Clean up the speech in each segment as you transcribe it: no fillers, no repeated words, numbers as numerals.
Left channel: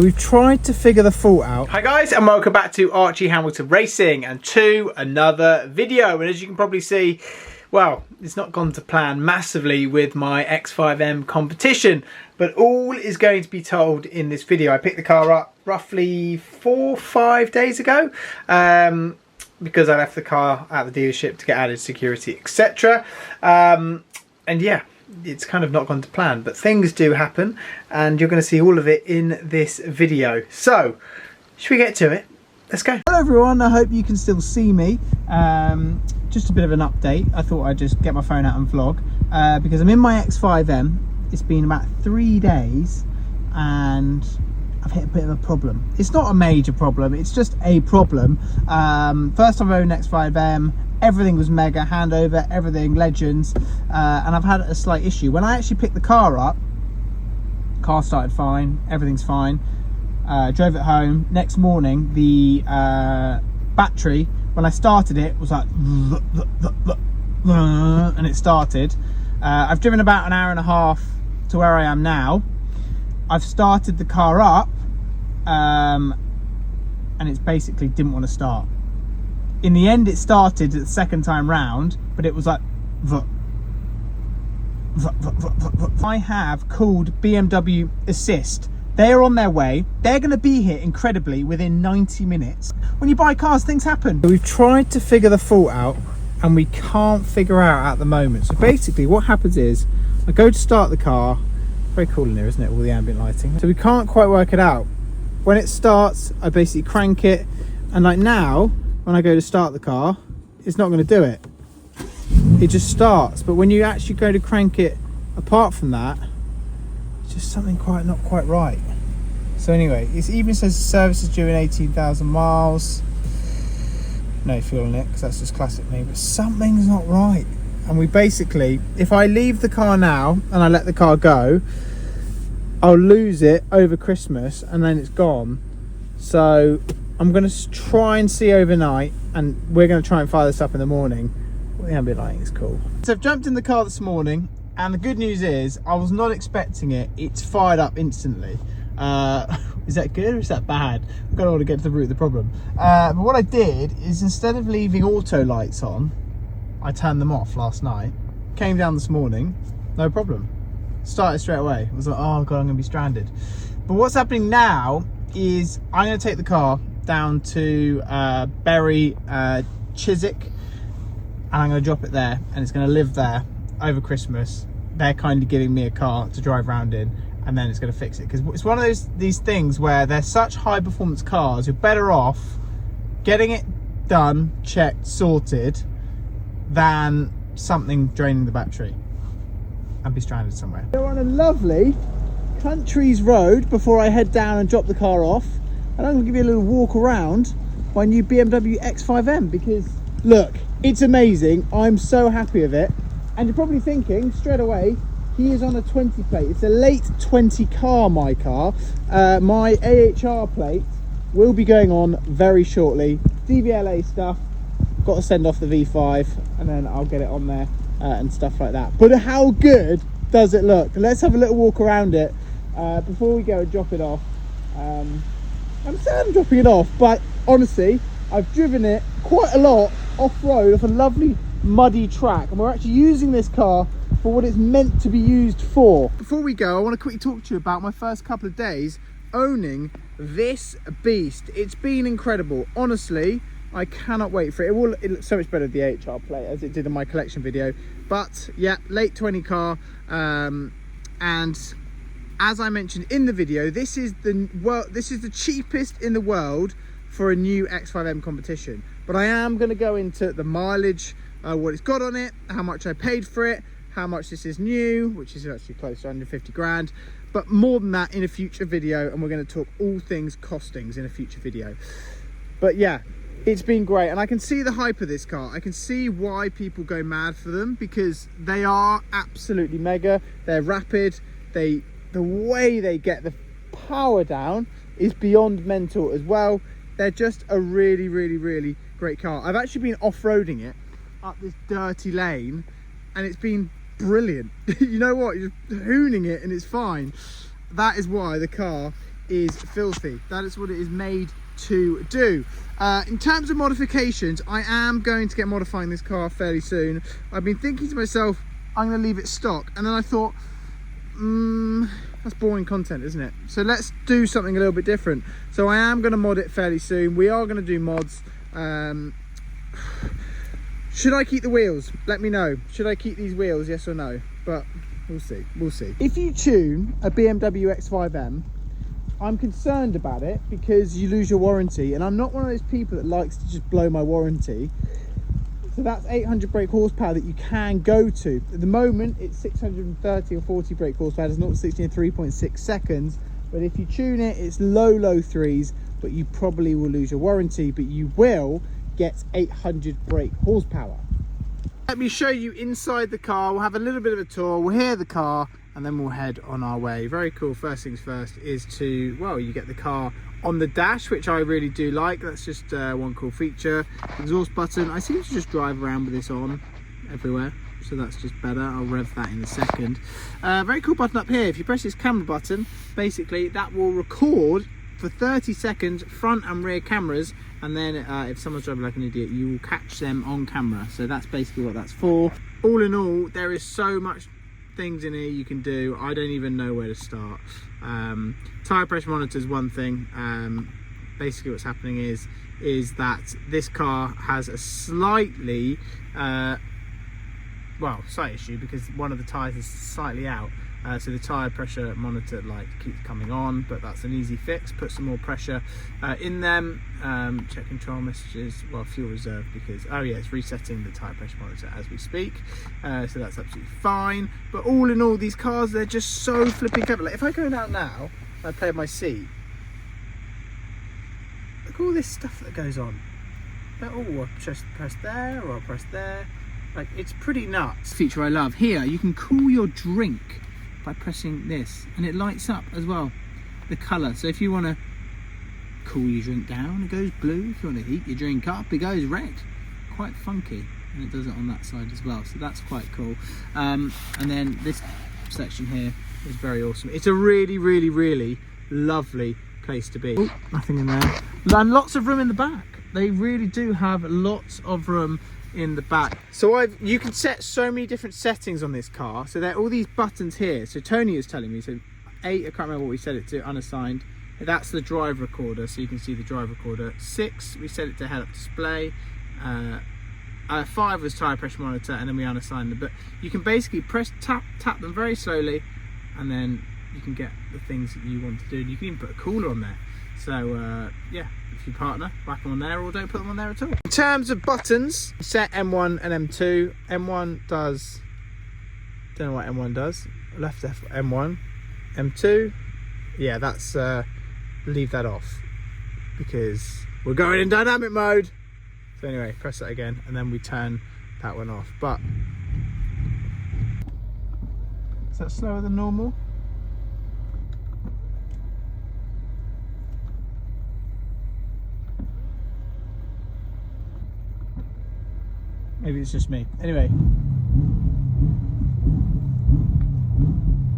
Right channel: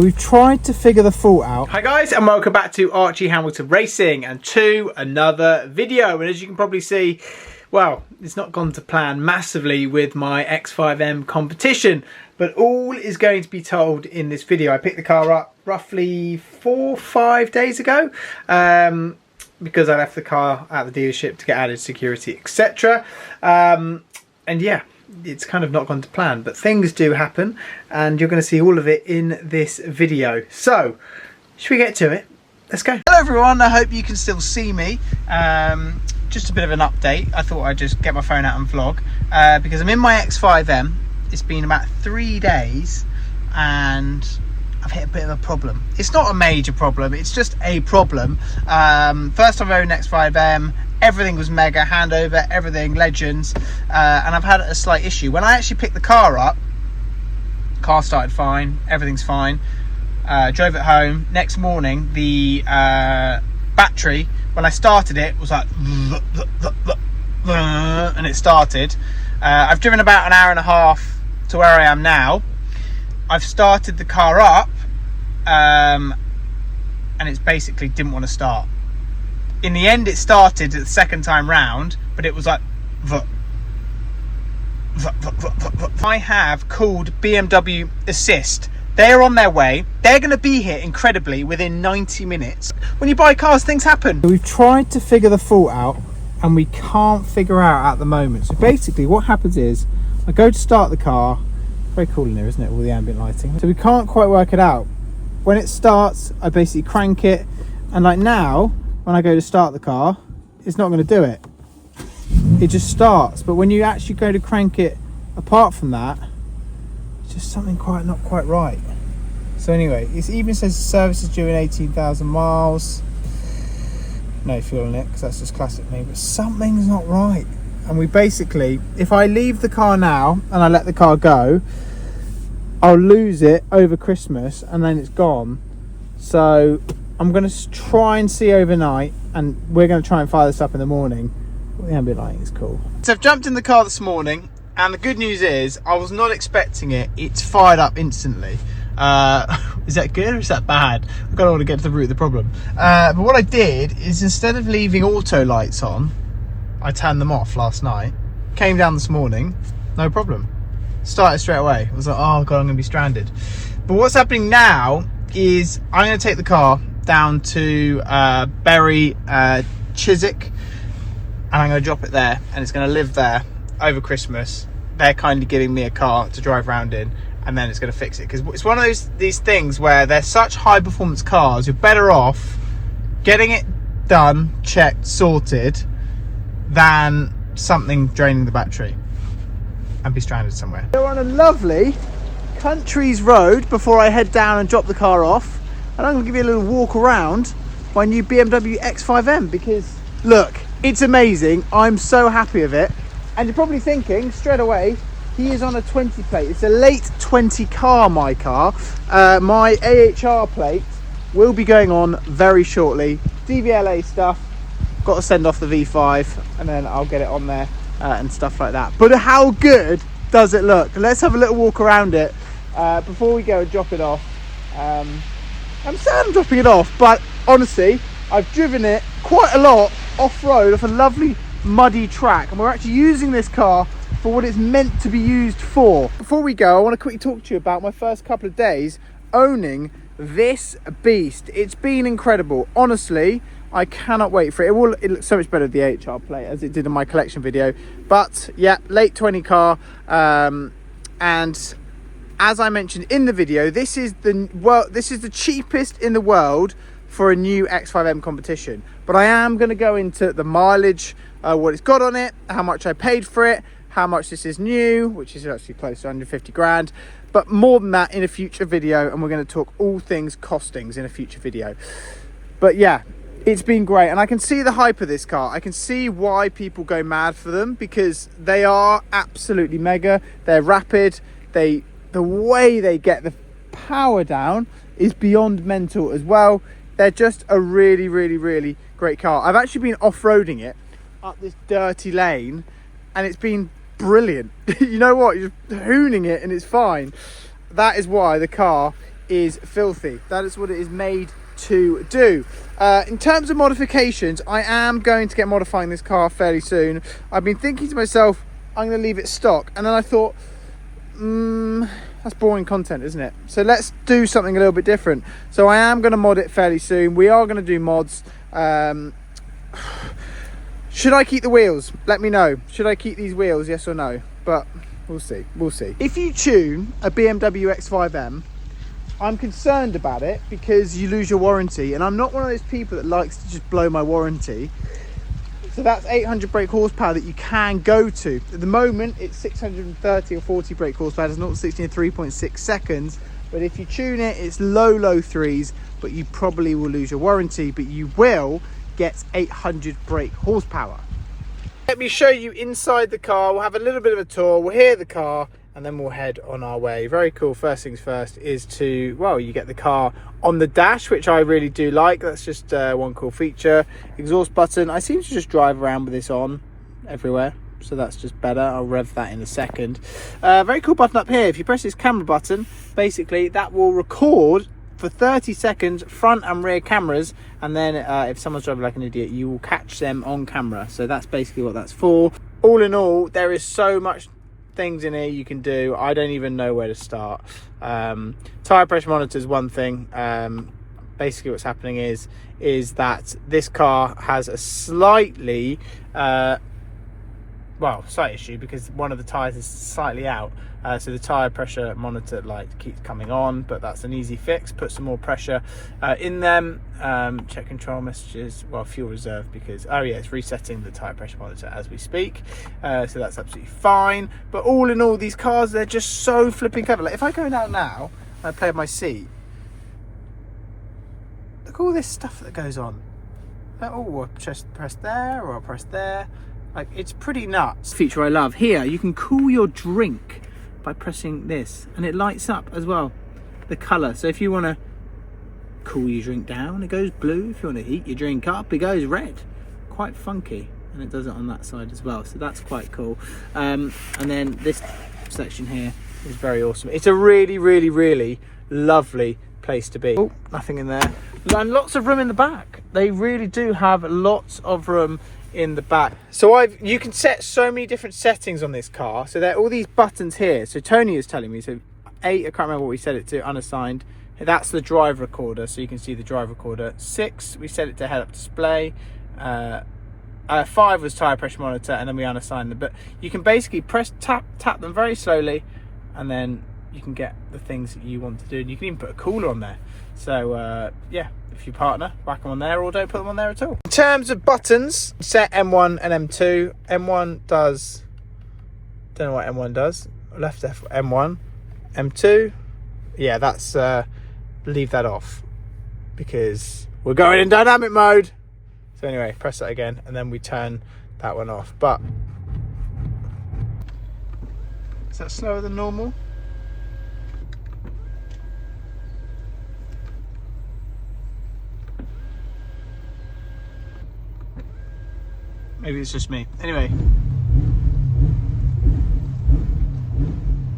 We've tried to figure the fault out. Hi guys, and welcome back to Archie Hamilton Racing and to another video. And as you can probably see, well, it's not gone to plan massively with my X5M competition, but all is going to be told in this video. I picked the car up roughly 4 or 5 days ago because I left the car at the dealership to get added security, etc. And yeah, it's kind of not gone to plan, but things do happen and you're going to see all of it in this video. So should we get to it? Let's go. Hello everyone, I hope you can still see me. Just a bit of an update. I thought I'd just get my phone out and vlog because I'm in my X5M. It's been about 3 days and I've hit a bit of a problem. It's not a major problem, it's just a problem. First time I owned X5M, everything was mega, handover, everything, legends, and I've had a slight issue. When I actually picked the car up, car started fine, everything's fine. Drove it home. Next morning, the battery, when I started it, was like, and it started. I've driven about an hour and a half to where I am now. I've started the car up, and it's basically didn't want to start. In the end, it started the second time round, but it was like, I have called BMW Assist. They're on their way. They're going to be here incredibly within 90 minutes. When you buy cars, things happen. We've tried to figure the fault out and we can't figure out at the moment. So basically what happens is I go to start the car. Very cool in there, isn't it? All the ambient lighting. So we can't quite work it out. When it starts, I basically crank it. And like now, when I go to start the car, it's not going to do it. It just starts. But when you actually go to crank it, apart from that, it's just something not quite right. So anyway, it even says the service is due in 18,000 miles. No fuel in it, because that's just classic me. But something's not right. And we basically, if I leave the car now and I let the car go, I'll lose it over Christmas and then it's gone. So I'm going to try and see overnight, and we're going to try and fire this up in the morning. The ambient lighting is cool. So I've jumped in the car this morning, and the good news is I was not expecting it. It's fired up instantly. Is that good or is that bad? I've got to get to the root of the problem. But what I did is, instead of leaving auto lights on, I turned them off last night. Came down this morning, no problem. Started straight away. I was like, oh god, I'm going to be stranded. But what's happening now is I'm going to take the car down to Bury Chiswick, and I'm going to drop it there, and it's going to live there over Christmas. They're kindly giving me a car to drive around in, and then it's going to fix it, because it's one of these things where they're such high performance cars, you're better off getting it done, checked, sorted, than something draining the battery and be stranded somewhere. We're on a lovely country's road before I head down and drop the car off, and I'm going to give you a little walk around my new BMW X5M, because look, it's amazing. I'm so happy with it. And you're probably thinking straight away, he is on a 20 plate. It's a late 20 car, my car. My AHR plate will be going on very shortly. DVLA stuff, got to send off the V5 and then I'll get it on there and stuff like that. But how good does it look? Let's have a little walk around it before we go and drop it off. I'm sad I'm dropping it off, but honestly, I've driven it quite a lot off-road off a lovely muddy track, and we're actually using this car for what it's meant to be used for. Before we go, I want to quickly talk to you about my first couple of days owning this beast. It's been incredible. Honestly, I cannot wait for it. It looks so much better with the AHR plate as it did in my collection video. But yeah, late 20 car, and as I mentioned in the video, this is the cheapest in the world for a new X5M competition. But I am going to go into the mileage, what it's got on it, how much I paid for it, how much this is new, which is actually close to 150 grand. But more than that in a future video, and we're going to talk all things costings in a future video. But yeah, it's been great, and I can see the hype of this car. I can see why people go mad for them, because they are absolutely mega. They're rapid. The way they get the power down is beyond mental as well. They're just a really, really, really great car. I've actually been off-roading it up this dirty lane, and it's been brilliant. You know what? You're just hooning it and it's fine. That is why the car is filthy. That is what it is made to do. In terms of modifications, I am going to get modifying this car fairly soon. I've been thinking to myself, I'm going to leave it stock, and then I thought, that's boring content, isn't it? So let's do something a little bit different. So I am going to mod it fairly soon. We are going to do mods. Should I keep the wheels? Let me know. Should I keep these wheels, yes or no? But we'll see, we'll see. If you tune a BMW X5M, I'm concerned about it because you lose your warranty, and I'm not one of those people that likes to just blow my warranty. So that's 800 brake horsepower that you can go to. At the moment, it's 630 or 40 brake horsepower. It's 0 to 60 in 3.6 seconds. But if you tune it, it's low threes, but you probably will lose your warranty, but you will get 800 brake horsepower. Let me show you inside the car. We'll have a little bit of a tour. We'll hear the car, and then we'll head on our way. Very cool. First things first is to, well, you get the car on the dash, which I really do like. That's just one cool feature. Exhaust button. I seem to just drive around with this on everywhere, so that's just better. I'll rev that in a second. Very cool button up here. If you press this camera button, basically that will record for 30 seconds front and rear cameras, and then if someone's driving like an idiot, you will catch them on camera. So that's basically what that's for. All in all, there is so much things in here you can do. I don't even know where to start. Tire pressure monitor is one thing. Basically what's happening is that this car has a slightly slight issue because one of the tires is slightly out. So the tire pressure monitor light keeps coming on, but that's an easy fix. Put some more pressure in them. Check control messages, well, fuel reserve, because it's resetting the tire pressure monitor as we speak. So that's absolutely fine. But all in all, these cars, they're just so flipping clever. Like if I go down now and I play with my seat, look at all this stuff that goes on. Like, oh, I'll just press there, or I'll press there. Like, it's pretty nuts. Feature I love here, you can cool your drink by pressing this, and it lights up as well, the colour. So if you want to cool your drink down, it goes blue. If you want to heat your drink up, it goes red. Quite funky, and it does it on that side as well, so that's quite cool. And then this section here is very awesome. It's a really lovely place to be. Oh, nothing in there, and lots of room in the back. They really do have lots of room in the back. So you can set so many different settings on this car. So there are all these buttons here. So Tony is telling me, so 8, I can't remember what we set it to, unassigned. That's the drive recorder, so you can see the drive recorder. 6, we set it to head-up display. 5 was tire pressure monitor, and then we unassigned them. But you can basically tap them very slowly, and then you can get the things that you want to do. And you can even put a cooler on there. So yeah, if you partner, whack them on there, or don't put them on there at all. In terms of buttons, set M1 and M2. M1 does, don't know what M1 does. Left M1, M2. Yeah, that's leave that off because we're going in dynamic mode. So anyway, press that again, and then we turn that one off. But is that slower than normal? Maybe it's just me. Anyway,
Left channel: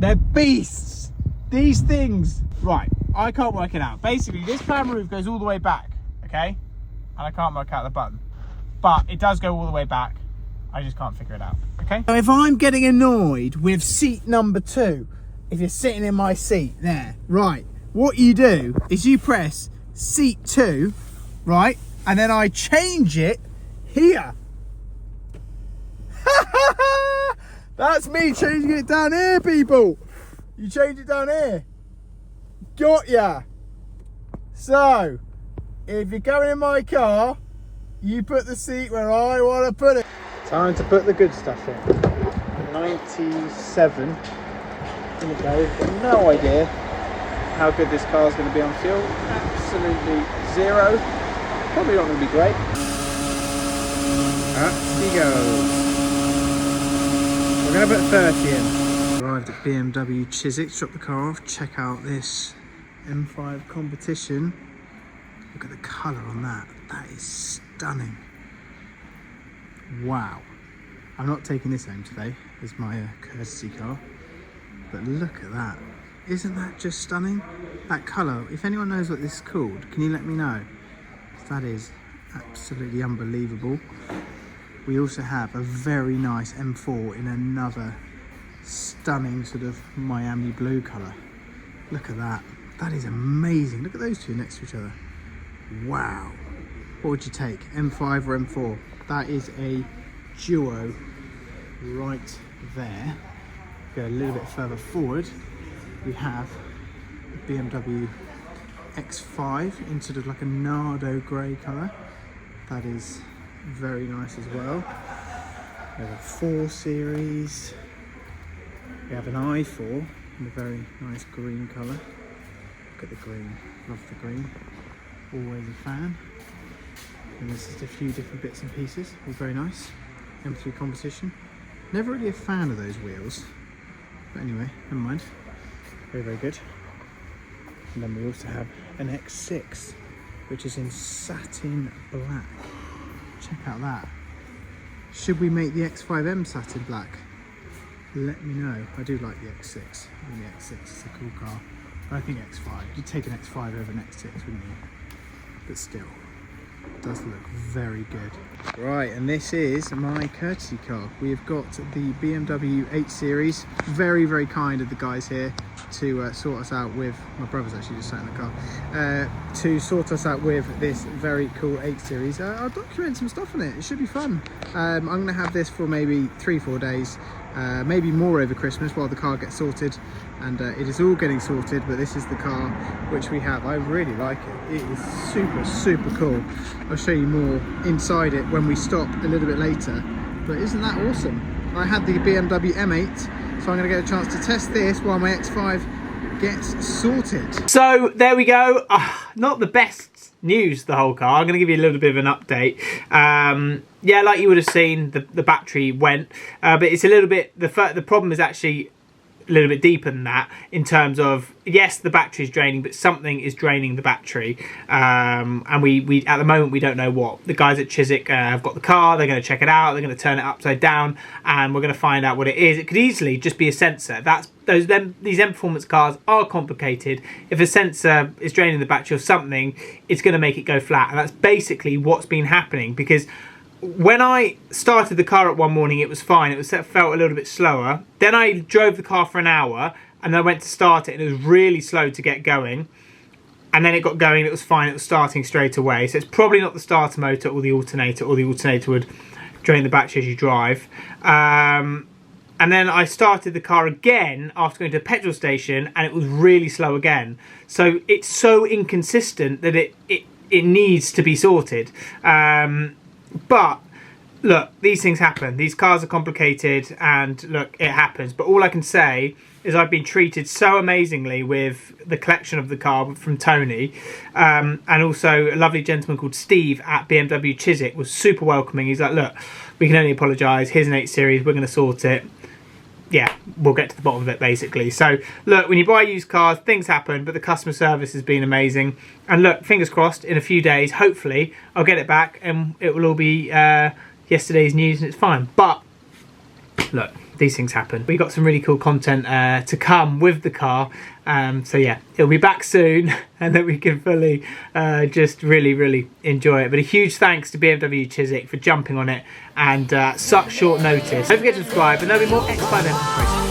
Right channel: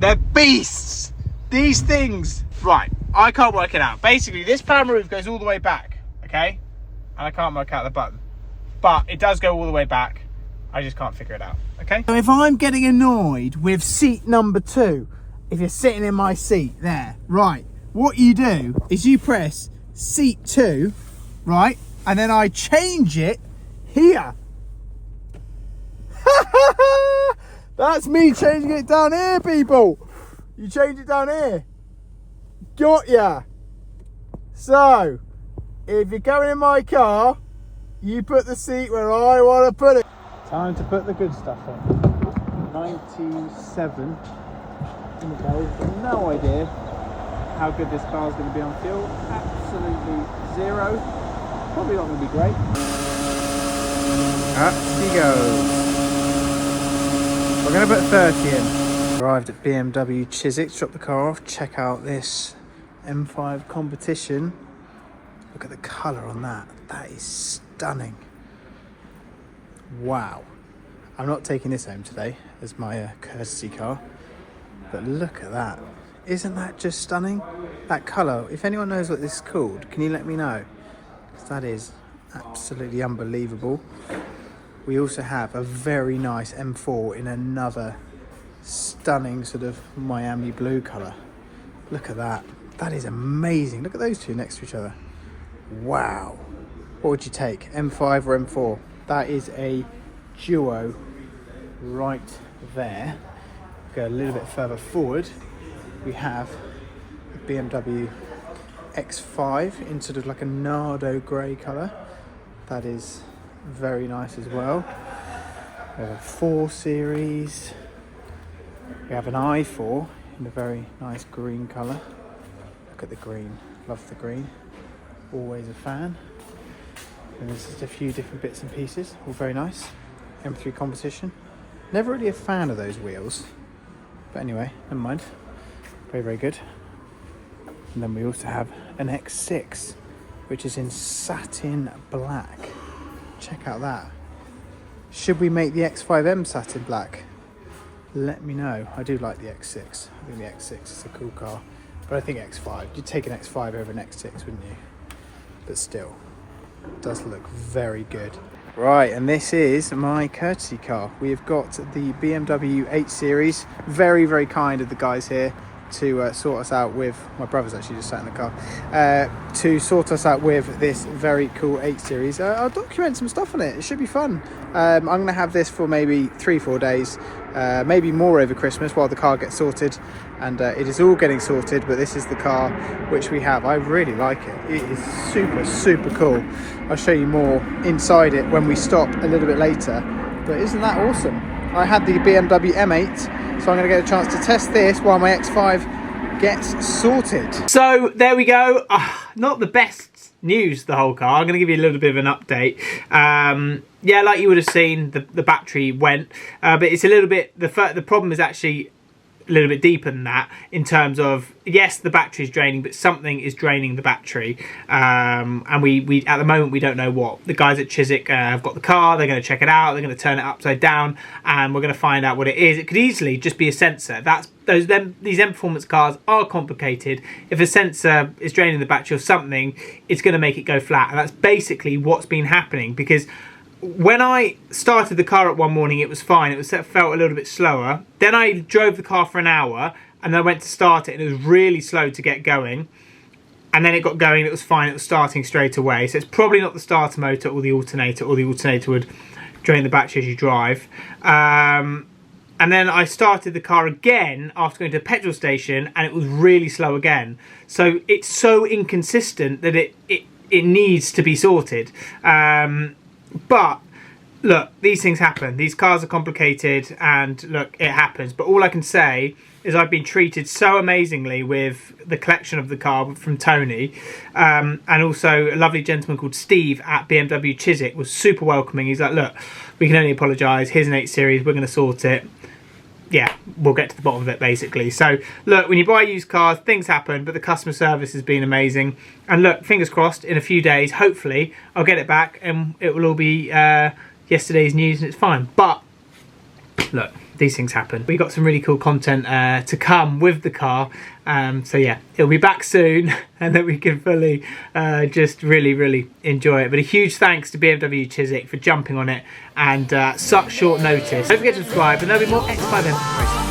they're beasts, these things. Right, I can't work it out. Basically, this power move goes all the way back, okay? And I can't work out the button, but it does go all the way back. I just can't figure it out, okay? So if I'm getting annoyed with seat number 2, if you're sitting in my seat there, right, what you do is you press seat 2, right? And then I change it here. That's me changing it down here, people. You change it down here. Got ya. So if you're going in my car, you put the seat where I want to put it. Time to put the good stuff in. 97 in the go. No idea how good this car is going to be on fuel. Absolutely zero. Probably not going to be great. Up he goes. We're going to put 30 in. Arrived at BMW Chiswick, dropped the car off. Check out this M5 Competition. Look at the colour on that. That is stunning. Wow. I'm not taking this home today as my courtesy car, but look at that. Isn't that just stunning? That colour, if anyone knows what this is called, can you let me know? That is absolutely unbelievable. We also have a very nice M4 in another stunning sort of Miami blue colour. Look at that. That is amazing. Look at those two next to each other. Wow. What would you take, M5 or M4? That is a duo right there. Go a little bit further forward. We have a BMW X5 in sort of like a Nardo grey colour. That is very nice as well. We have a 4 Series. We have an i4 in a very nice green colour. Look at the green, love the green. Always a fan. And there's just a few different bits and pieces, all very nice. M3 composition. Never really a fan of those wheels, but anyway, never mind. Very, very good. And then we also have an X6, which is in satin black. Check out that. Should we make the X5M satin black? Let me know. I do like the X6. I think the X6 is a cool car, but I think X5. You'd take an X5 over an X6, wouldn't you? But still, it does look very good. Right, and this is my courtesy car. We have got the BMW 8 Series. Very, very kind of the guys here to sort us out with, my brother's actually just sat in the car, to sort us out with this very cool 8 Series. I'll document some stuff on it. It should be fun. I'm going to have this for maybe 3-4 days, maybe more over Christmas while the car gets sorted. And it is all getting sorted, but this is the car which we have. I really like it. It is super, super cool. I'll show you more inside it when we stop a little bit later. But isn't that awesome? I had the BMW M8, so I'm going to get a chance to test this while my X5 gets sorted. So there we go. Not the best news, the whole car. I'm going to give you a little bit of an update. Yeah, like you would have seen, the battery went, but it's a little bit, the problem is actually a little bit deeper than that, in terms of, yes, the battery is draining, but something is draining the battery, and we at the moment we don't know what. The guys at Chiswick have got the car. They're going to check it out. They're going to turn it upside down, and we're going to find out what it is. It could easily just be a sensor. These M Performance cars are complicated. If a sensor is draining the battery or something, it's going to make it go flat, and that's basically what's been happening. Because when I started the car up one morning, it was fine. It felt a little bit slower. Then I drove the car for an hour, and I went to start it, and it was really slow to get going. And then it got going, it was fine. It was starting straight away. So it's probably not the starter motor or the alternator would drain the battery as you drive. And then I started the car again after going to a petrol station, and it was really slow again. So it's so inconsistent that it needs to be sorted. But look, these things happen. These cars are complicated, and look, it happens. But all I can say is I've been treated so amazingly with the collection of the car from Tony, and also a lovely gentleman called Steve at BMW Chiswick was super welcoming. He's like, look, we can only apologise. Here's an 8 Series. We're going to sort it. Yeah, we'll get to the bottom of it, basically. So look, when you buy used cars, things happen, but the customer service has been amazing. And look, fingers crossed, in a few days, hopefully, I'll get it back and it will all be yesterday's news and it's fine. But look, these things happen. We got some really cool content to come with the car. So yeah, it'll be back soon, and then we can fully just really, really enjoy it. But a huge thanks to BMW Chiswick for jumping on it, and such short notice. Don't forget to subscribe, and there'll be more X5M.